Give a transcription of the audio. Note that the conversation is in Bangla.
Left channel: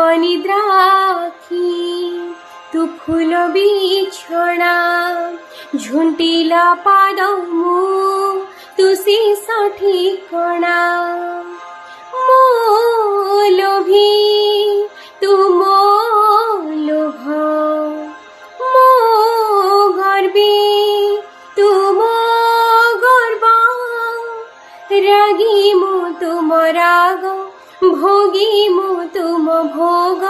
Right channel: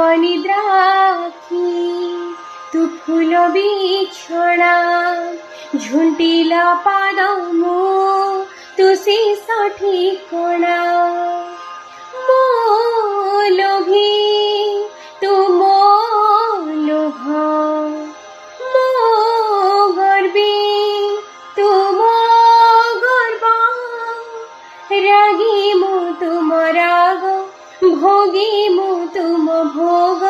অনিদ্রাক্ষী তু ফুল বিছଣା ঝুণ্টিলা পাদ মু তুসি সঠিকଣା ମୋ ଲୋଭୀ ତୁ ମୋ ଲୋଭ ମୋ ଗର୍ବୀ ତୁ ମୋ ଗର୍ବ রাগী মু তুম রাগ ভোগী মু তুম ভোগ